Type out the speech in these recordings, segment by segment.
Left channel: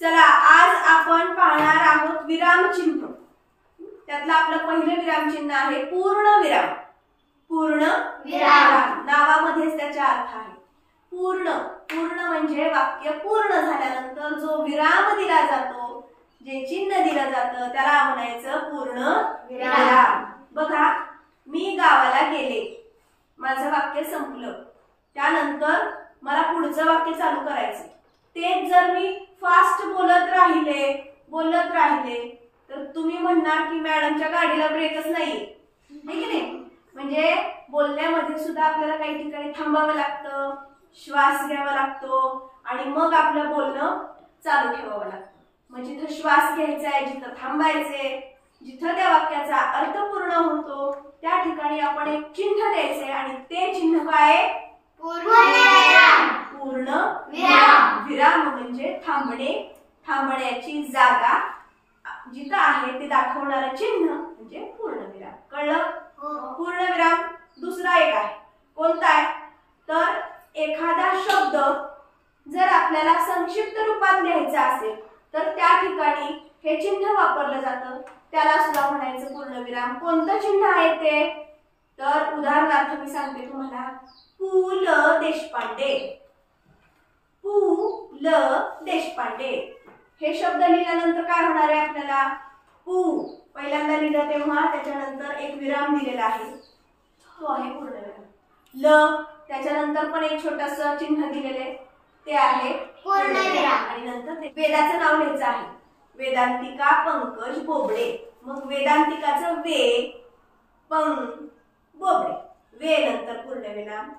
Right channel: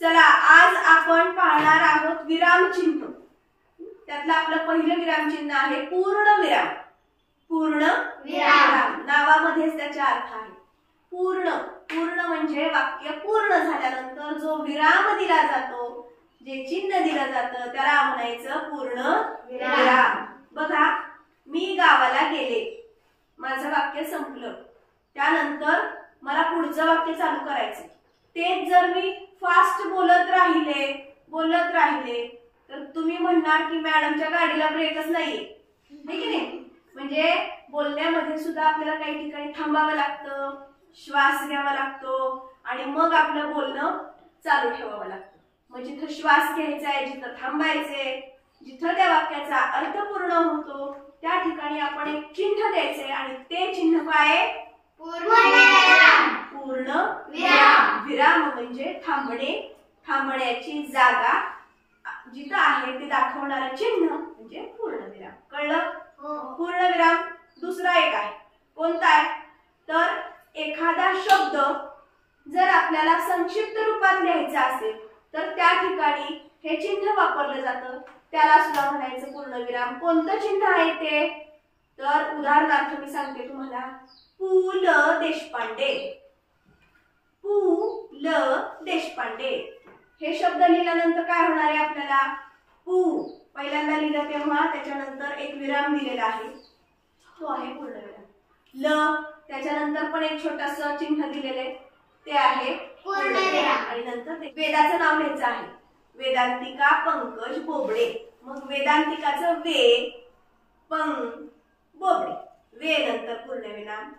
चला आज आपण पाहणार आहोत विरामचिन्ह। त्यातलं आपलं पहिलं विरामचिन्ह आहे पूर्णविराम। पूर्णविराम नावामध्येच त्याचा अर्थ आहे पूर्ण। पूर्ण म्हणजे वाक्य पूर्ण झाल्यानंतर जो विराम दिला जातो, जे चिन्ह दिलं जातं त्याला म्हणायचं पूर्णविराम। बघा, मी गावाला गेले, माझं वाक्य संपलं। त्यानंतर मला पुढचं वाक्य चालू करायचं। तेच जर मी फास्ट बोलत राहिले तर तुम्ही म्हणणार की मॅडमच्या गाडीला ब्रेकच नाहीये, है की नाही? म्हणजे बोलण्यामध्ये सुद्धा आपल्याला काही ठिकाणी थांबावं लागतं, श्वास घ्यावा लागतो आणि मग आपलं बोलणं चालू ठेवावं लागतं। मग जिथं श्वास घ्यायचा आहे, जिथं थांबायचे, जिथं त्या वाक्याचा अर्थ पूर्ण होतो त्या ठिकाणी आपण एक चिन्ह द्यायचे आणि ते चिन्ह काय? पूर्णविराम। विराम म्हणजे थांबणे, थांबण्याची जागा जिथं आहे ते दाखवणारं चिन्ह म्हणजे पूर्णविराम। कळलं? पूर्णविराम दुसरा एक आहे, कोणता आहे तर एखादा शब्द जर आपल्याला संक्षिप्त रूपात लिहायचा असेल तर त्या ठिकाणी हे चिन्ह वापरलं जातं, त्याला सुद्धा म्हणायचं पूर्णविराम। कोणतं चिन्ह आहे ते तर उदाहरणार्थ मी सांगते तुम्हाला, पु ल देशपांडे। पु ल देशपांडे हे शब्द लिहिल्यानंतर काय होणार आहे आपल्याला? पु पहिल्यांदा लिहिलं तेव्हा त्याच्यानंतर एक विराम दिलेला आहे, तो आहे पूर्णविराम। ल त्याच्यानंतर पण एक छोटंसं चिन्ह दिलेले ते आहे पूर्णविराम आणि नंतर ते वेदाचं नाव लिहायचं आहे, वेदांतिका पंकज बोबडे। मग वेदांतिकाचं वे, पंग, बोबडे। वे नंतर पूर्णविराम,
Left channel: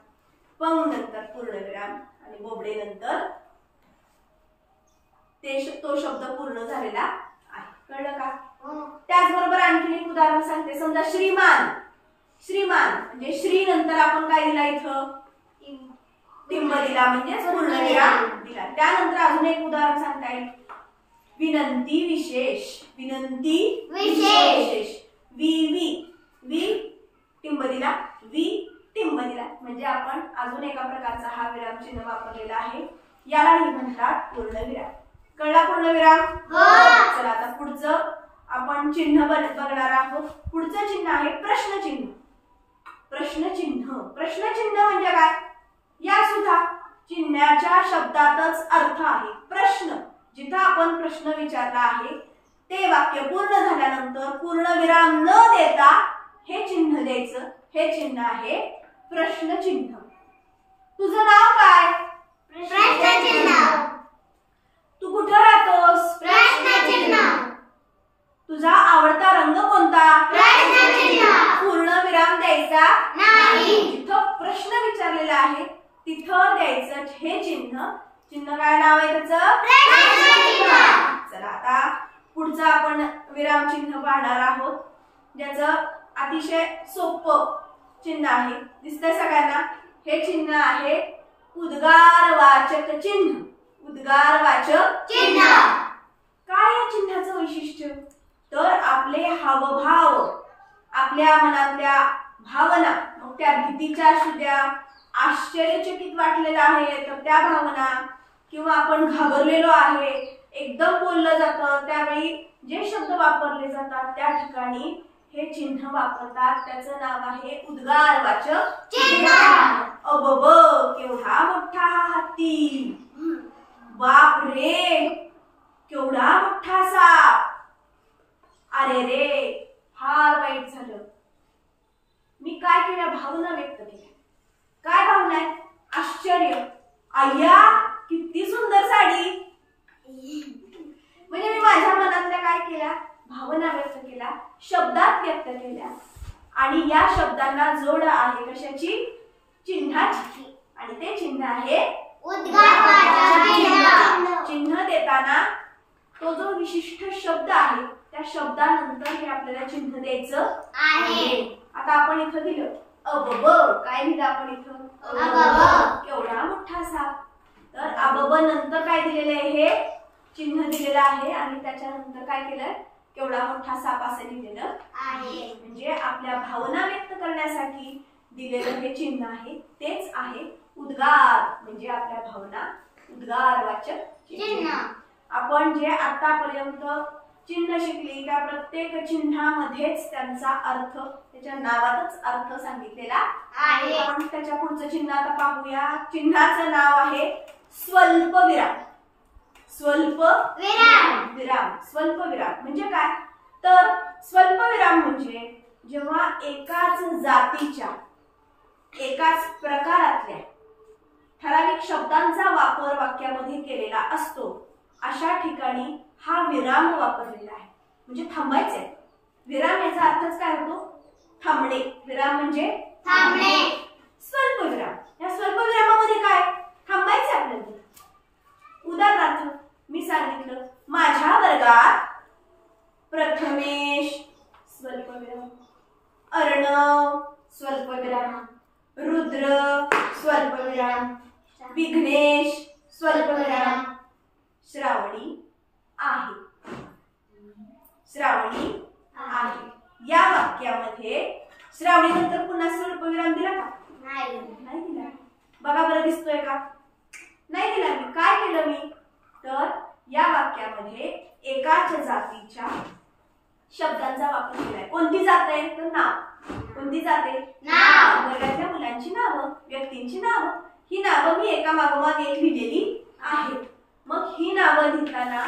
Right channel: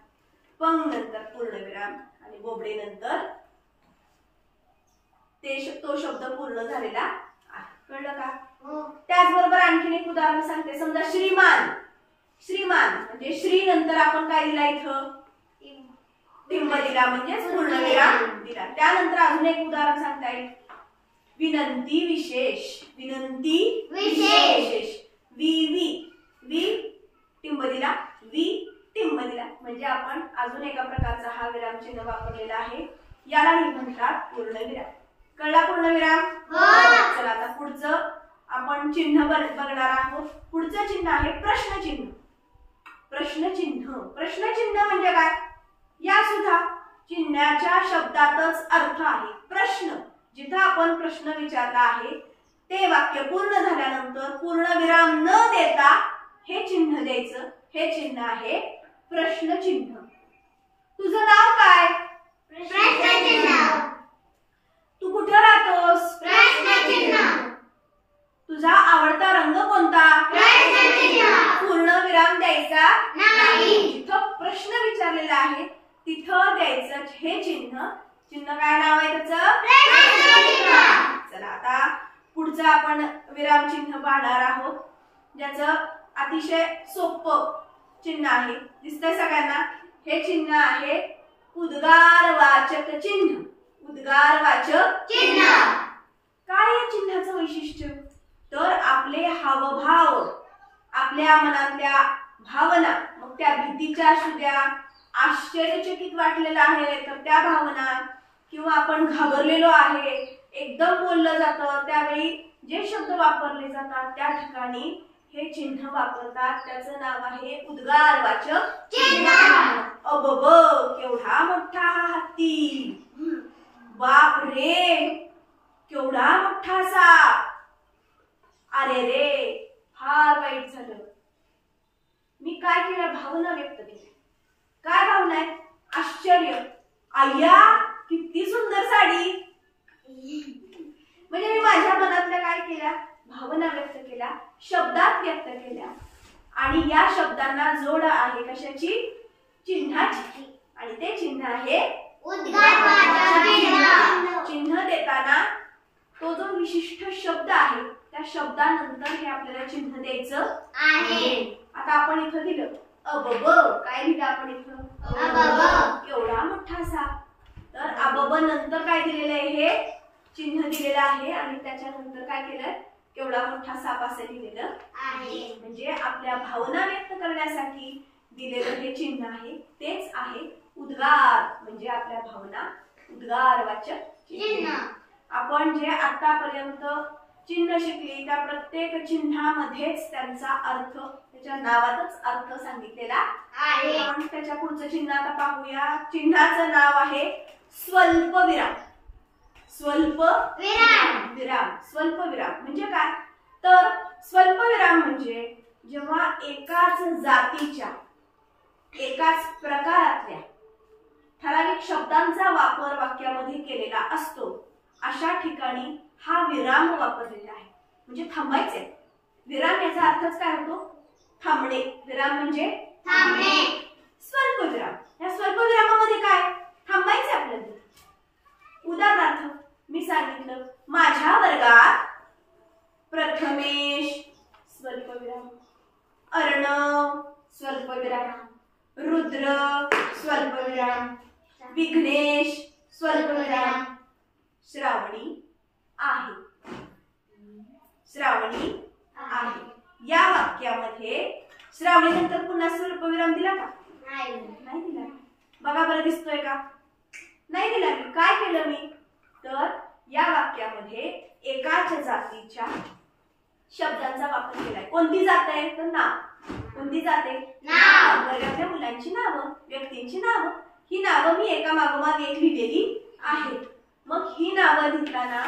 पंग नंतर पूर्णविराम आणि बोबडे नंतर तो शब्द पूर्ण झालेला आहे। कळलं का? त्याचबरोबर आणखीन एक उदाहरण सांगते। समजा श्रीमान। श्रीमान म्हणजे श्री नंतर आपण काय दिला इथं? टिंब दिला म्हणजे पूर्णविराम दिला। त्यानंतर अजून एक उदाहरण सांगता येईल, विनंती विशेष। विनंती विशेष, वी टिंब दिला, वी टिंब दिला म्हणजे आपण अजून एका प्रकारचा हा विराम चिन्ह वापरलेला आहे, यालाही म्हणतात पूर्णविराम। कळला पूर्णविराम? चला आता पुढचं आपण चिन्ह बघणार आहोत। पुढचं चिन्ह आहे प्रश्नचिन्ह। प्रश्नचिन्ह, प्रश्नचिन्ह म्हणजे काय? या सुद्धा चिन्हाच्या शब्दातच अर्थ आहे प्रश्न। जिथं आपण प्रश्न विचारला आहे ते वाक्य पूर्ण झाल्यानंतर पूर्णविराम न देता हे चिन्ह द्यायचं, हे चिन्ह आहे प्रश्नचिन्ह। तुझं नाव काय? प्रश्नचिन्ह। तू कुठं राहतोस? प्रश्नचिन्ह। तुझा आवडता रंग कोणता? प्रश्नचिन्ह। पूर्णविराम द्यायचा नाही, जिथं प्रश्न विचारलेला आहे तिथं द्यायचं हे चिन्ह। चिन्ह काय नाव आहे त्याचं? प्रश्नचिन्ह। चला आता पुढचं आपण विराम चिन्ह पाहणार आहोत, ज्याचं अतिशय सोपं चिन्ह आहे, दिसतंय सगळ्यांना? हे चिन्ह आहे उद्गारवाचक चिन्ह। उद्गारवाचक चिन्ह काय या चिन्हाचं वैशिष्ट्य तर आपले हावभाव, आपल्या मनातल्या भावना, मग त्या भीतीच्या असू द्या, आश्चर्यचकित वाटलेला आहे तर त्या भावना, किंवा आपण घाबरलेलो आहे, एकदम बोललं जातं त्यावेळी जे शब्द वापरले जातात त्या ठिकाणी हे चिन्ह वापरतात, त्याचं नाव आहे उद्गारवाचक चिन्ह। अबब केवढा मोठा हा हत्ती, बाप रे केवढा मोठा साप, अरे रे फार वाईट झालं। मी काय केलं? भावना व्यक्त केल्या। काय भावना आहे? आश्चर्य, अय्या किती सुंदर साडी। म्हणजे मी माझ्या मनातल्या काय केल्या? भावना व्यक्त केल्या, शब्दात व्यक्त केल्या आणि या शब्दांना जोड आहे कशाची? चिन्हाची, आणि ते चिन्ह आहे उद्गारवाचक चिन्ह। चिन्ह देताना तो जो विशिष्ट शब्द आहे त्या शब्दानंतर हे आपल्याला चिन्ह द्यायचं आहे। आता आपण इथं दिलं अबब, काय लिहिलं आपण इथं? अबब केवढा मोठा साप। तर अबब नंतर काय दिलेलं आहे? हे चिन्ह दिलेलं आहे आणि त्याच्यानंतर काय केलंय? केवढा मोठा साप असं लिहिलेलं आहे। म्हणजे आपल्या भावना व्यक्त करण्यासाठी दिलेलं हे चिन्ह आहे, तेच आहे उद्गार, म्हणजे आपल्या भावना उद्गारवाचक चिन्ह। आपण जे आतापर्यंत चिन्ह शिकली त्या प्रत्येक चिन्हामध्येच त्यांचा अर्थ, त्याच्या नावातच अर्थ सांगितलेला आहे. आपण त्याच्या पुढचं चिन्ह आता पाहूया. चिन्हाचं नाव आहे स्वल्पविराम. स्वल्पविराम. स्वल्पविराम म्हणजे काय? तर स्वल्पविराम म्हणजे जेव्हा एकाच जातीच्या, एकाच प्रकारातल्या ठराविक शब्दांचा वापर वाक्यामध्ये केलेला असतो, अशा ठिकाणी हा विराम वापरलेला आहे. म्हणजे थांबायचे. विराम याचा अर्थच काय होतो? थांबणे. विराम म्हणजे थांबणे. स्वल्पविराम, या स्वल्पविरामामध्ये काय? थांबायचे आपल्याला. उदाहरणार्थ मी सांगितलं, माझ्या वर्गात प्रथमेश स्वल्पविराम, अर्णव स्वल्पविराम, रुद्र स्वल्पविराम, विघ्नेश स्वल्पविराम, श्रावणी आहे. श्रावणी आहे. या वाक्यामध्ये श्रावणी नंतर पुन्हा स्वल्पविराम दिला का? नाही दिला. बघा बरं, दिसतोय का? नाही दिला. मी काय केलं? मी तर या वाक्यामध्ये एकाच जातीच्या शब्दांचा वापर केलाय. कोणती जात आहे? तर नाव. कोणती जात आहे? नाव. वर्गातल्या मुलांची नावं, व्यक्तींची नावं. ही नावं मी एका मागोमाग एक लिहिलेली आहेत. मग ही नावं लिहिताना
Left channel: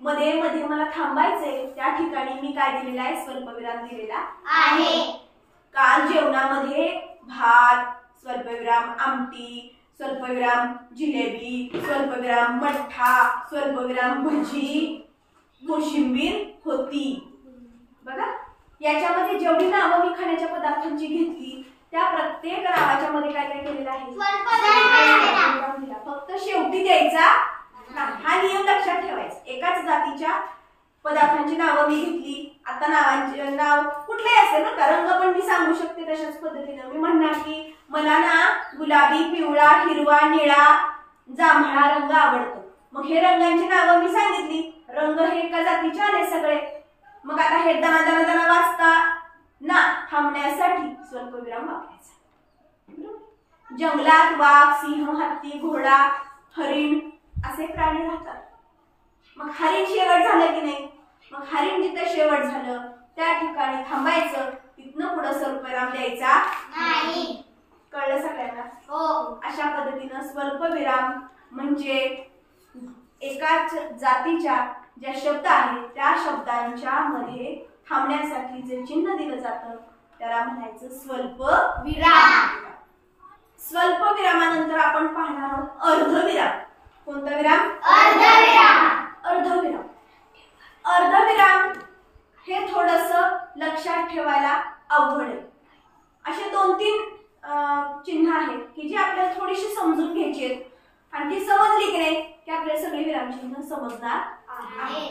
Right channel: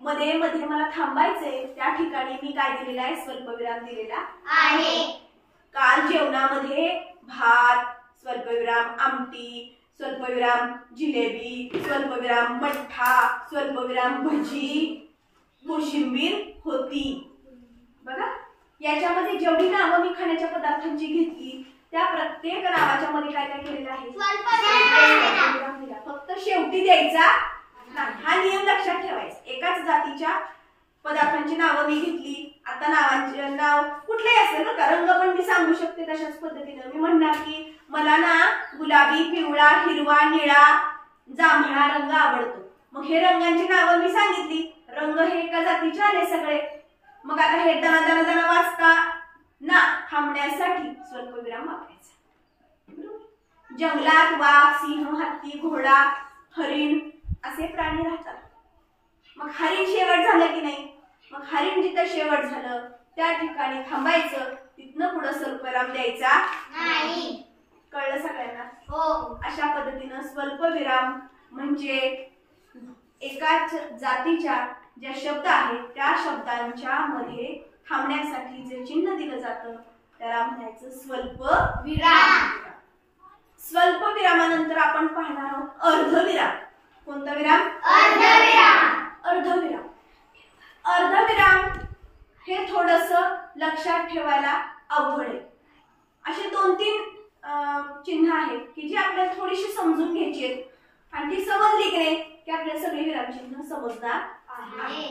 मध्ये मध्ये मला थांबायचंय, त्या ठिकाणी मी काय दिलेला आहे? स्वल्पविराम दिलेला आहे. काल जेवणामध्ये भात स्वल्पविराम, आमटी स्वल्पविराम, जिलेबी स्वल्पविराम, मठ्ठा स्वल्पविराम, भजी, कोशिंबीर होती. बघा, याच्यामध्ये जेवढी नावं मी खाण्याच्या पदार्थांची घेतली त्या प्रत्येक नावाच्या मध्ये काय काय केलेलं आहे? स्वल्पविराम दिला. फक्त शेवटी द्यायचा नाही, हा नियम लक्षात ठेवायचा. एकाच जातीच्या पदार्थांची नावं मी घेतली. आता नावांचे नाव कुठलेही असेल ना, रंग पण मी सांगू शकते तशाच पद्धतीने. मी म्हणणार की मला ना गुलाबी, पिवळा, हिरवा, निळा, जांभळा रंग आवडतो. मग हे रंगांची नावं मी सांगितली. रंग हे एका जातीचे आले सगळे. मग आता हे दना दना दना वाचता ना थांबण्यासाठी स्वल्पविराम वापरायचा. जंगलात वाघ, सिंह, हत्ती, घोडा, हरिण असे प्राणी राहतात. मग हरिण शेवट झालं की नाही? मग हरिण जिथं शेवट झालं त्या ठिकाणी थांबायचं. तिथनं पुढे स्वल्पविराम द्यायचा नाही. कळलं सगळ्यांना? हो. अशा पद्धतीनं स्वल्पविराम म्हणजे एकाच जातीच्या ज्या शब्द आहेत त्या शब्दांच्या मध्ये थांबण्यासाठी जे चिन्ह दिलं जातं त्याला म्हणायचं स्वल्पविराम. स्वल्पविरामानंतर आपण पाहणार आहोत अर्धविराम. कोणता विराम? अर्धविराम. अर्धविराम. अर्धविराम हे थोडस लक्षात ठेवायला अवघड आहे. असे 2-3 चिन्ह आहेत की जी आपल्याला थोडीशी समजून घ्यायची आहेत. आणि ती समजली की नाही की आपल्याला सगळे विराम चिन्ह समजणार आहे.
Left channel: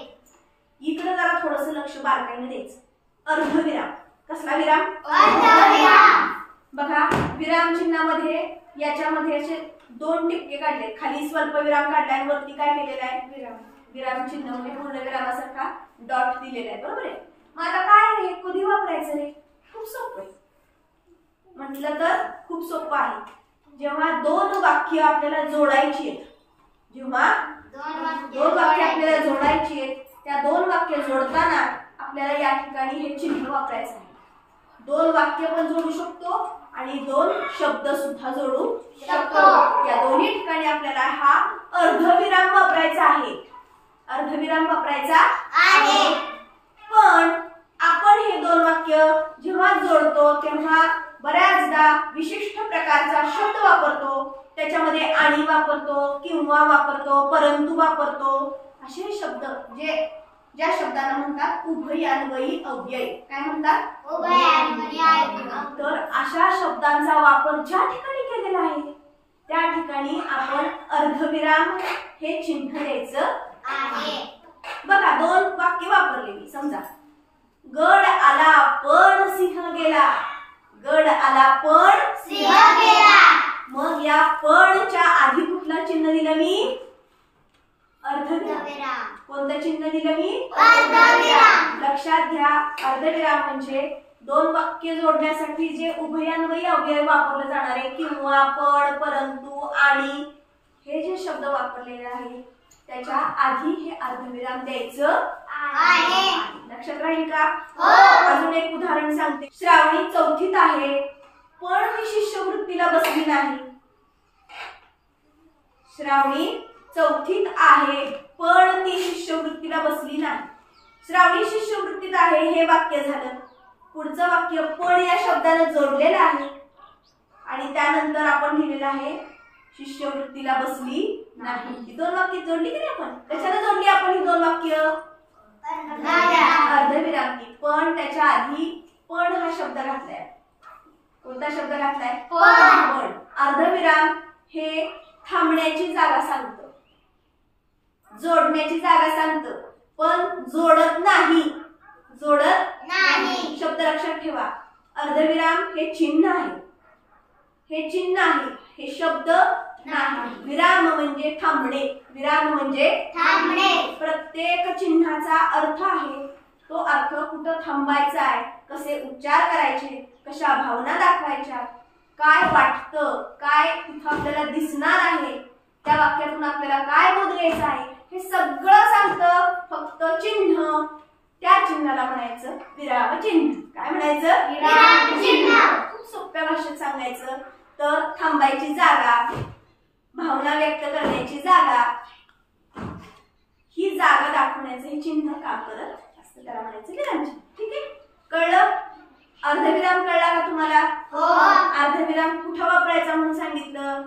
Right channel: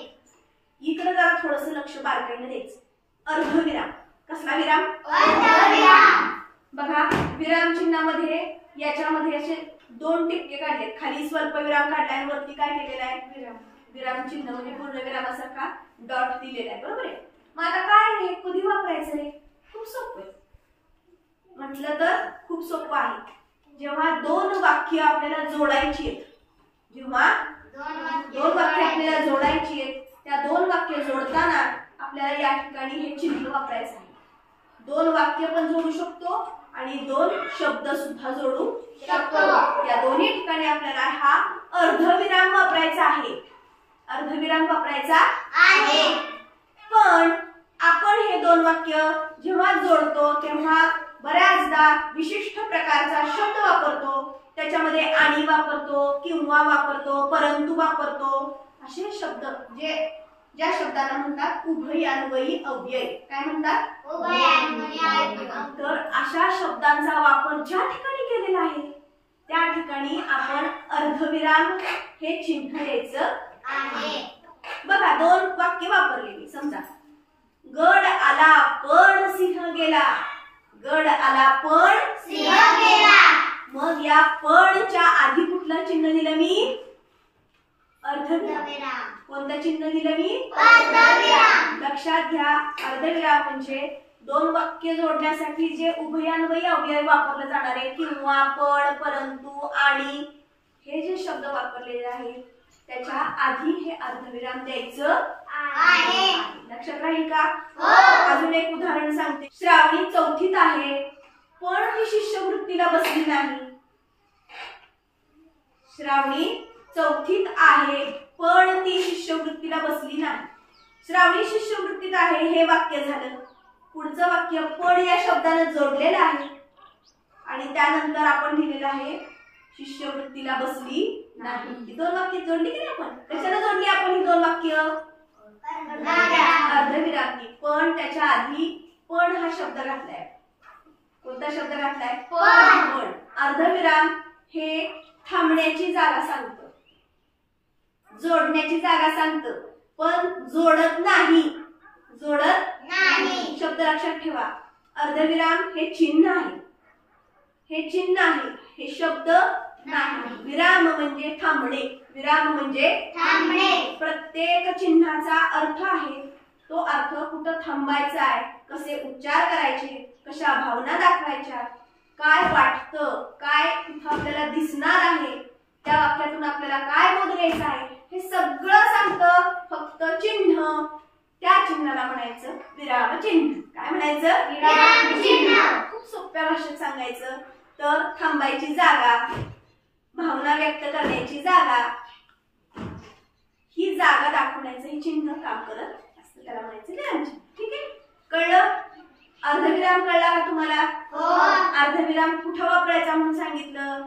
इकडे जरा थोडस लक्ष बारकाईने द्यायचं. अर्धविराम. कसला विराम? अर्धविराम. बघा, विराम चिन्हामध्ये याच्यामध्ये असे 2 टिपके काढले. खाली स्वल्पविराम काढलाय, वरती काय केलेलं आहे? विराम चिन्ह म्हणजे पूर्ण विरामासारखा डॉट दिलेला आहे. बरोबर आहे? मग आता काय हे कधी वापरायचं? हे खूप सोपं आहे. म्हटलं तर खूप सोपं आहे. जेव्हा 2 वाक्य आपल्याला जोडायची आहेत, जेव्हा 2 वाक्य आपल्याला जोडायची आहेत, त्या 2 वाक्य जोडताना आपल्याला या ठिकाणी हे चिन्ह वापरायचं आहे. 2 वाक्य पण जोडू शकतो आणि 2 शब्द सुद्धा जोडू शकतो. या दोन्ही ठिकाणी आपल्याला हा अर्धविराम वापरायचा आहे. अर्धविराम वापरायचा आहे. पण आपण हे 2 वाक्य जेव्हा जोडतो तेव्हा बऱ्याचदा विशिष्ट प्रकारचा शब्द वापरतो. त्याच्यामध्ये आणि वापरतो, किंवा वापरतो, परंतु वापरतो. असे शब्द ज्या शब्दाला म्हणतात उभयान्वयी अव्यय. काय म्हणतात? उभयान्वयी अव्यय. तर अशा शब्दांचा वापर ज्या ठिकाणी केलेला आहे त्या ठिकाणी आपण अर्धविराम हे चिन्ह द्यायचं आहे. बघा, 2 वाक्य वापरलेली. समजा, गड आला पण सिंह गेला. गड आला पण सिंह गेला. मग या पणच्या आधी कुठलं चिन्ह दिलं मी? अर्धविराम. कोणतं चिन्ह दिलं मी? अर्धविराम. लक्षात घ्या, अर्धविराम म्हणजे 2 वाक्य जोडण्यासाठी जे उभयान्वयी अव्यय वापरले जाणारे किंवा, पण, परंतु, आणि हे जे शब्द वापरलेले आहेत त्याच्या आधी हे अर्धविराम द्यायचं आहे. लक्षात राहील का? अजून एक उदाहरण सांगते. श्रावणी चौथीत आहे पण ही शिष्यवृत्तीला बसली नाही. श्रावणी चौथीत आहे पण ती शिष्यवृत्तीला बसली नाही. श्रावणी शिष्यवृत्तीत आहे हे वाक्य झालं. पुढचं वाक्य पण या शब्दाने जोडलेलं आहे आणि त्यानंतर आपण लिहिलेलं आहे शिष्यवृत्तीला बसली नाही. ही दोन वाक्य जोडली की नाही आपण? कशाला जोडली आपण ही दोन वाक्य? अर्धविराम. पण त्याच्या आधी पण हा शब्द घातलाय. कोणता शब्द घातलाय? पण. अर्धविराम हे थांबण्याची जागा सांगतं, जोडण्याची जागा सांगतं, पण जोडत नाही. शब्द लक्षात ठेवा. अर्धविराम हे चिन्ह आहे, हे चिन्ह आहे, हे शब्द नाही. विराम म्हणजे थांबणे. विराम म्हणजे थांबणे. प्रत्येक चिन्हाचा अर्थ आहे. तो अर्थ कुठं थांबायचा आहे, कसे उच्चार करायचे, कशा भावना दाखवायच्या, काय वाटतं, काय तिथं आपल्याला दिसणार आहे, त्या वाक्यातून आपल्याला काय बोध घ्यायचा आहे, हे सगळं सांगतं. फक्त चिन्ह, त्या चिन्हाला म्हणायचं विराम चिन्ह. काय म्हणायचं? विराम चिन्ह. खूप सोप्या भाषेत सांगायचं तर थांबायची जागा, भावना व्यक्त करण्याची जागा, ही जागा दाखवण्याचं हे चिन्ह काम करत असतं. त्याला म्हणायचं विराम चिन्ह. ठीक आहे, कळलं? अर्धविराम कळला का तुम्हाला? अर्धविराम कुठं वापरायचा म्हणून सांगितलं?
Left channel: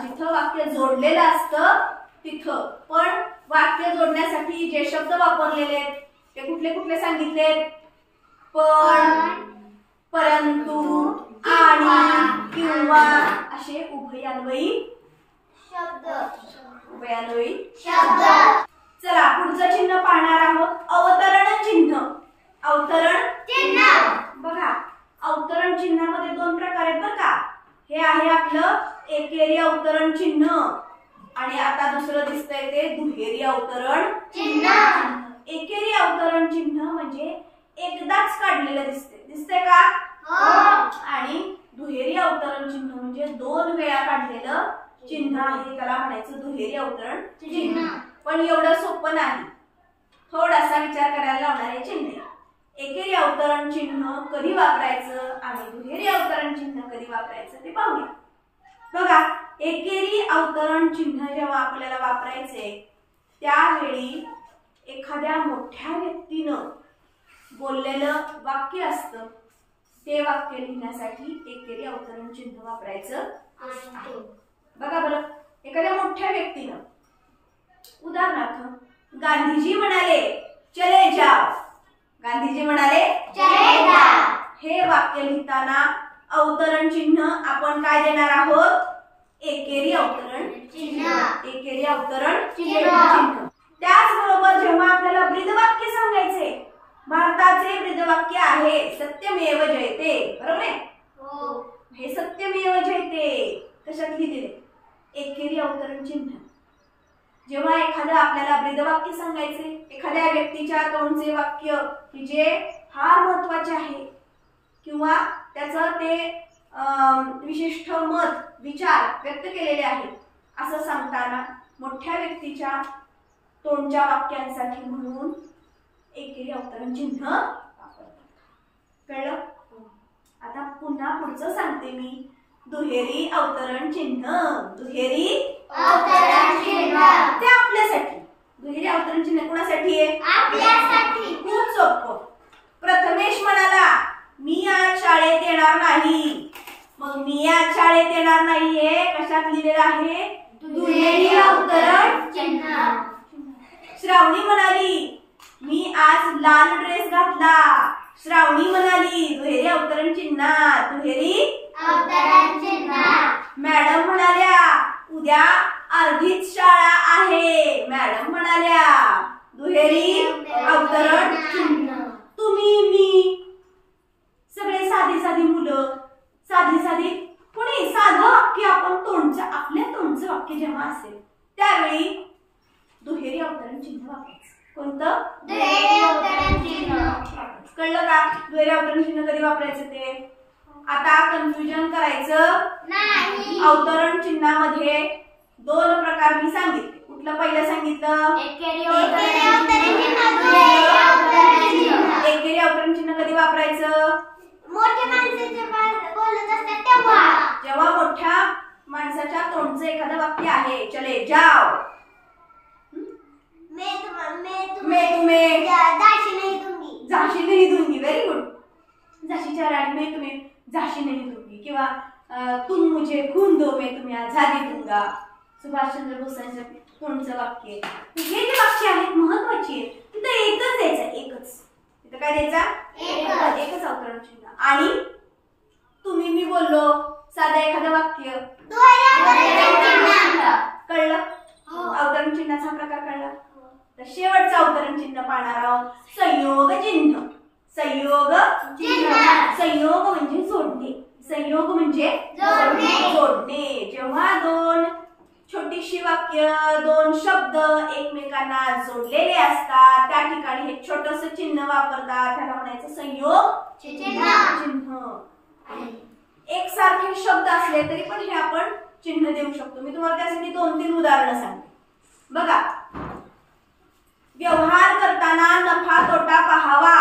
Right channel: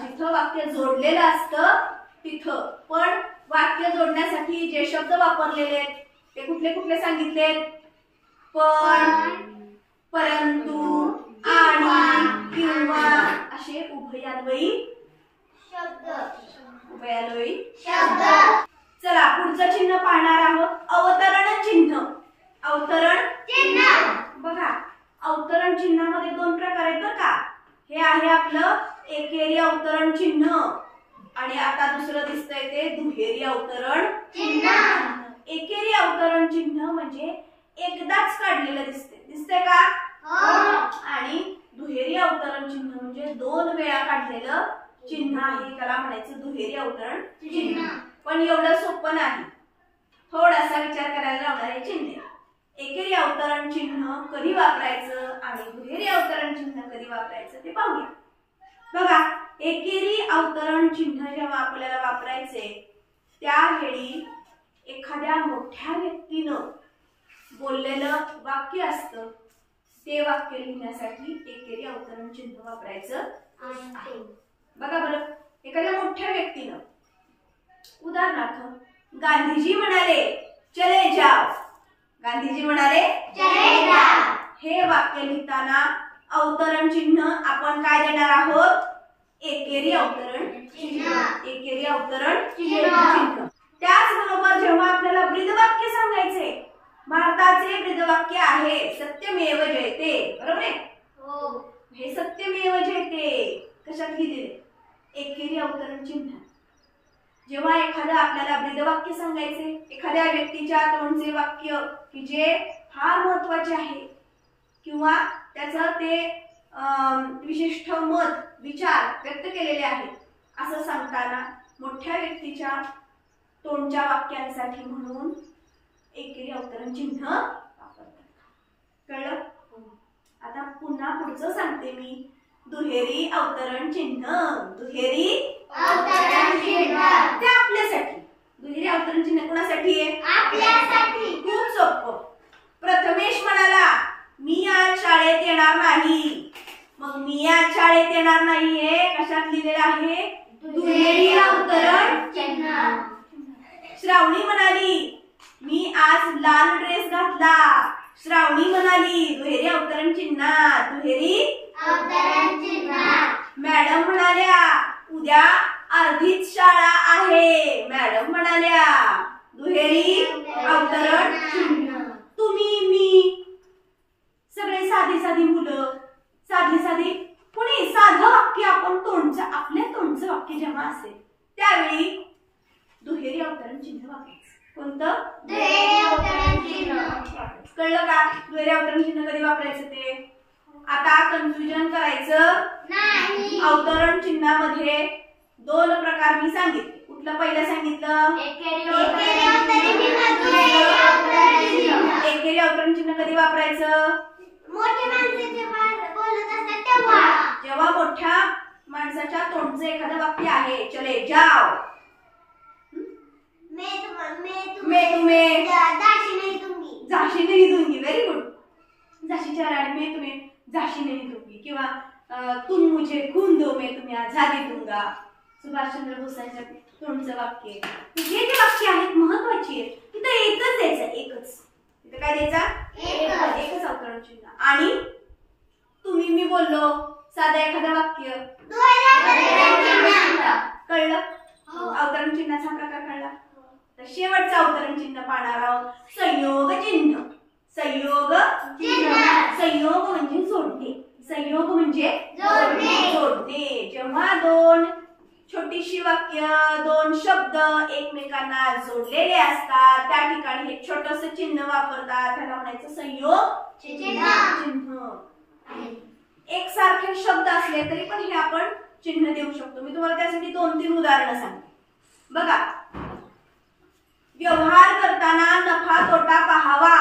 जिथं वाक्य जोडलेलं असतं तिथं. पण वाक्य जोडण्यासाठी जे शब्द वापरलेले आहेत ते कुठले कुठले सांगितले? पण, परंतु, आणि, किंवा असे उभयान्वयी शब्द. चला पुढचं चिन्ह पाहणार आहोत. अवतरण चिन्ह. अवतरण चिन्ह बघा, अवतरण चिन्हामध्ये दोन प्रकार आहेत बरं का. हे आहे आपलं एकेरी अवतरण चिन्ह आणि आता दुसरं दिसतंय ते दुहेरी अवतरण चिन्ह. एकेरी अवतरण चिन्ह म्हणजे एकदाच काढलेलं दिसतंय का? आणि दुहेरी अवतरण चिन्ह म्हणजे दोन वेळा काढलेलं चिन्ह आहे, त्याला म्हणायचं दुहेरी अवतरण चिन्ह. पण एवढं सोपं नाही, थोडासा विचार करायला लावणारे चिन्ह. एकेरी अवतरण चिन्ह कधी वापरायचं आणि दुहेरी अवतरण चिन्ह कधी वापरायचं ते पाहूया. बघा, एकेरी अवतरण चिन्ह जेव्हा आपल्याला वापरायचे त्यावेळी एखाद्या मोठ्या व्यक्तीनं बोललेलं वाक्य असतं, ते वाक्य लिहिण्यासाठी एकेरी अवतरण चिन्ह वापरायचं आहे. बघा बरं, एखाद्या मोठ्या व्यक्तीनं, उदाहरणार्थ गांधीजी म्हणाले चले जाओ. गांधीजी म्हणाले चले जाओ. हे वाक्य लिहिताना अवतरण चिन्ह आपण काय देणार आहोत? एकेरी अवतरण चिन्ह. एकेरी अवतरण चिन्ह. त्याचबरोबर जेव्हा आपल्याला ब्रीदवाक्य सांगायचे, भारताचे ब्रीदवाक्य आहे सत्यमेव जयते, बरोबर आहे? हे सत्यमेव जयते कशात लिहिलेले? एकेरी अवतरण चिन्ह. जेव्हा एखादं आपल्याला ब्रीदवाक्य सांगायचे, एखाद्या व्यक्तीच्या तोंडचे वाक्य की जे फार महत्वाचे आहे किंवा त्याचं ते विशिष्ट मत, विचार व्यक्त केलेले आहेत, असं सांगताना मोठ्या व्यक्तीच्या तोंडच्या वाक्यांसाठी म्हणून एकेरी अवतरण चिन्ह वापरतात. कळलं? आता पुन्हा पुढचं सांगते मी. दुहेरी अवतरण चिन्ह. दुहेरी अवतरण चिन्ह ते आपल्यासाठी. दुहेरी अवतरण चिन्ह कोणासाठी आहे? आपल्यासाठी. खूप सोपं. प्रथमेश म्हणाला मी आज शाळेत येणार नाही. मग मी आज शाळेत येणार नाहीये कशात लिहिलेलं आहे? दुहेरी अवतरण चिन्ह. श्रावणी म्हणाली मी आज लाल ड्रेस घातला. श्रावणी म्हणाली दुहेरी अवतरण चिन्ह. दुहेरी अवतरण चिन्ह. मॅडम म्हणाल्या उद्या अर्धीच शाळा आहे. मॅडम म्हणाल्या दुहेरी अवतरण चिन्ह. तुम्ही, मी, सगळे साधी साधी मुलं, साधी साधी कोणी साधं वाक्य आपण तोंडचं, आपल्या तोंडचं वाक्य जेव्हा असेल त्यावेळी दुहेरी अवतरण चिन्ह वापरायचं. कोणतं? दुहेरी अवतरण चिन्ह. कळलं का? दुहेरी अवतरण चिन्ह कधी वापरायचं ते? आता कन्फ्युजन करायचं नाही. अवतरण चिन्हामध्ये दोन प्रकार मी सांगितले. कुठलं पहिलं सांगितलं? एकेरी अवतरण चिन्ह कधी वापरायचं? मोठे माणसे बोलत असतात तेव्हा. जेव्हा मोठ्या माणसाच्या तोंडचं एखादं वाक्य आहे, चले जाओ, मैं तुम्हें झाशी नहीं दूंगी, व्हेरी गुड, झाशीच्या राणी मैं तुम्हें झाशी नहीं दूंगी, किंवा तुम मुझे खून दो मैं तुम्हें आजादी दूंगा, सुभाषचंद्र बोसांच्या तोंडचं वाक्य. हे जे वाक्य आहेत महत्वाची आहेत, तिथं एकच द्यायचं, एकच. तिथं काय द्यायचा? एकच अवतरण चिन्ह. आणि तुम्ही मी बोललो साधं एखादं वाक्य, कळलं? अवतरण चिन्हाचा प्रकार कळला. तर शेवटचं अवतरण चिन्ह पाहणार आहोत, संयोग चिन्ह. संयोग म्हणजे जोडणे. संयोग म्हणजे जोडणे. जेव्हा दोन छोटीशी वाक्य, दोन शब्द एकमेकांना जोडलेले असतात, त्या ठिकाणी हे छोटस चिन्ह वापरतात, त्याला म्हणायचं संयोग चिन्ह. एकसारखे शब्द असले तरी पण हे आपण चिन्ह देऊ शकतो. मी तुम्हाला त्यासाठी 2-3 उदाहरणं सांगते. बघा, व्यवहार करताना नफा तोटा पाहावा.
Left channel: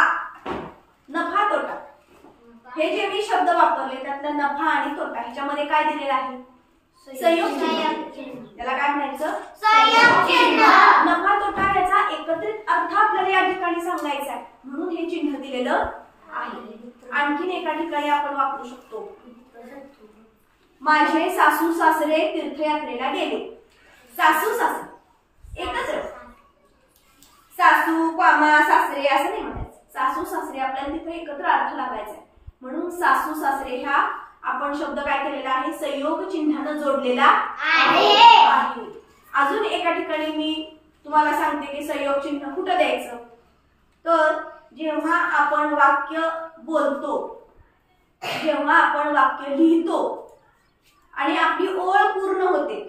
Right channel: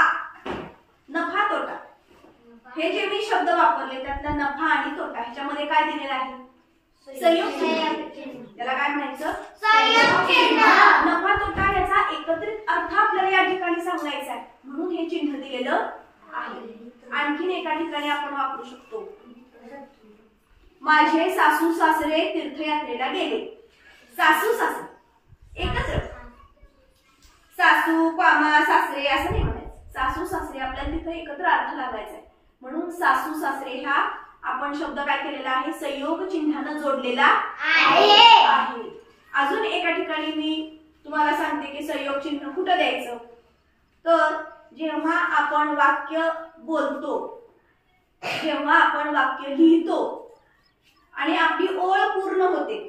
नफा तोटा हे जे मी शब्द वापरले त्यातला नफा आणि तोटा ह्याच्यामध्ये काय दिलेलं आहे? संयोग चिन्ह. त्याला काय म्हणायचं? संयोग चिन्ह. नफा तोटा याचा एकत्रित अर्थ आपल्याला या ठिकाणी सांगायचा आहे, म्हणून हे चिन्ह दिलेलं आहे. आणखीन एका ठिकाणी आपण वापरू शकतो, माझे सासू सासरे तीर्थयात्रेला गेले. सासू सासरे एकच, सासू कामा सासरे असं नाही म्हणायचं. सासू सासरे आपल्याला तिथे एकत्र अर्थ लावायचा आहे, म्हणून सासू सासरे ह्या आपण शब्द काय केलेला आहे? संयोग चिन्हानं जोडलेला आहे. अजून एका ठिकाणी मी तुम्हाला सांगते की संयोग चिन्ह कुठं द्यायचं. तर जेव्हा आपण वाक्य बोलतो, जेव्हा आपण वाक्य लिहितो आणि आपली ओळ पूर्ण होते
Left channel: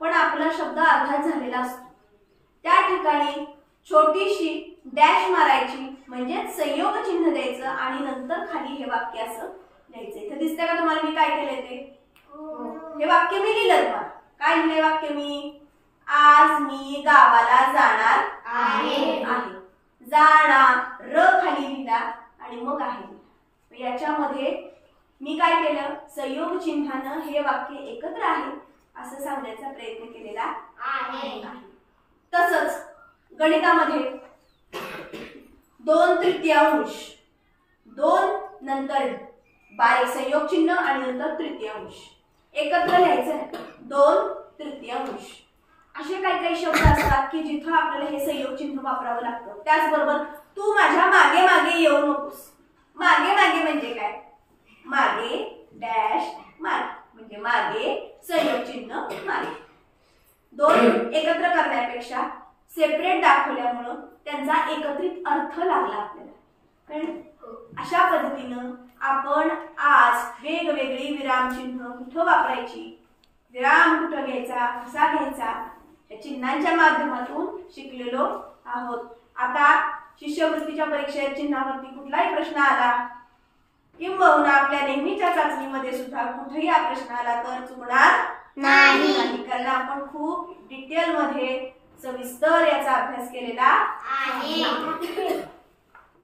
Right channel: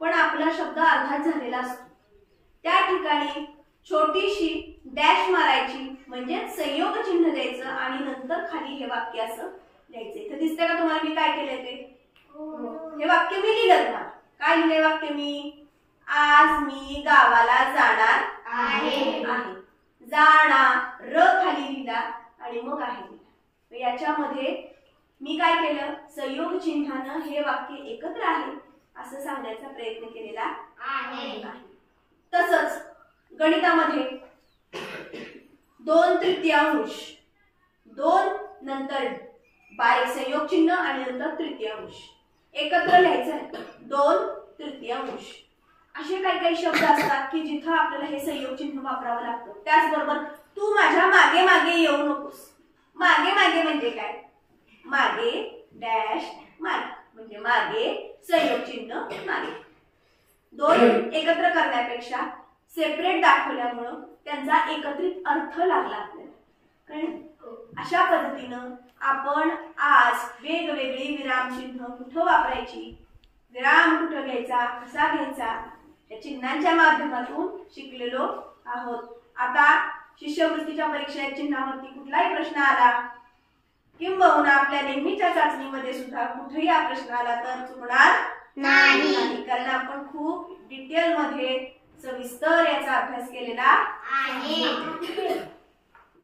पण आपला शब्द अर्धात झालेला असतो, त्या ठिकाणी छोटीशी डॅश मारायची, म्हणजे संयोग चिन्ह द्यायचं आणि नंतर खाली हे वाक्य असं लिहायचं. इथे दिसतंय का तुम्हाला मी काय केलंय ते? हे वाक्य मी लिहिलं. तुम्हाला काय लिहिलंय वाक्य मी? आज मी गावाला जाणार आहे. जाणार र खाली लिहिला आणि मग आहे. याच्यामध्ये मी काय केलं? संयोग चिन्हानं हे वाक्य एकत्र आहे असं सांगण्याचा प्रयत्न केलेला आहे. तसंच गणितामध्ये 2/3, 2 नंतर बारीक संयोग चिन्ह आणि नंतर तृतीयांश एकत्र लिहायचं आहे. 2/3 असे काही शब्द असतात की जिथं आपल्याला हे संयोग चिन्ह वापरावं लागतं. त्याचबरोबर तू माझ्या मागे मागे येऊ नकोस. मागे मागे म्हणजे काय? मागे डॅश मागे म्हणजे मागे संयोग चिन्ह मागे. दोन एकत्र करण्यापेक्षा सेपरेट दाखवल्यामुळं त्यांचा एकत्रित अर्थ लागला आपल्याला. अशा पद्धतीनं आपण आज वेगवेगळी विरामचिन्ह कुठं वापरायची, विराम कुठं घ्यायचा, कसा घ्यायचा, या चिन्हांच्या माध्यमातून शिकलेलो आहोत. आता शिष्यवृत्तीच्या परीक्षेत चिन्हावरती कुठलाही प्रश्न आला किंबहुना आपल्या नेहमीच्या चाचणीमध्ये सुद्धा कुठेही हा प्रश्न आला तर चुकणार नाही, कारण आपण खूप डिटेल मध्ये सविस्तर याचा अभ्यास केलेला आहे.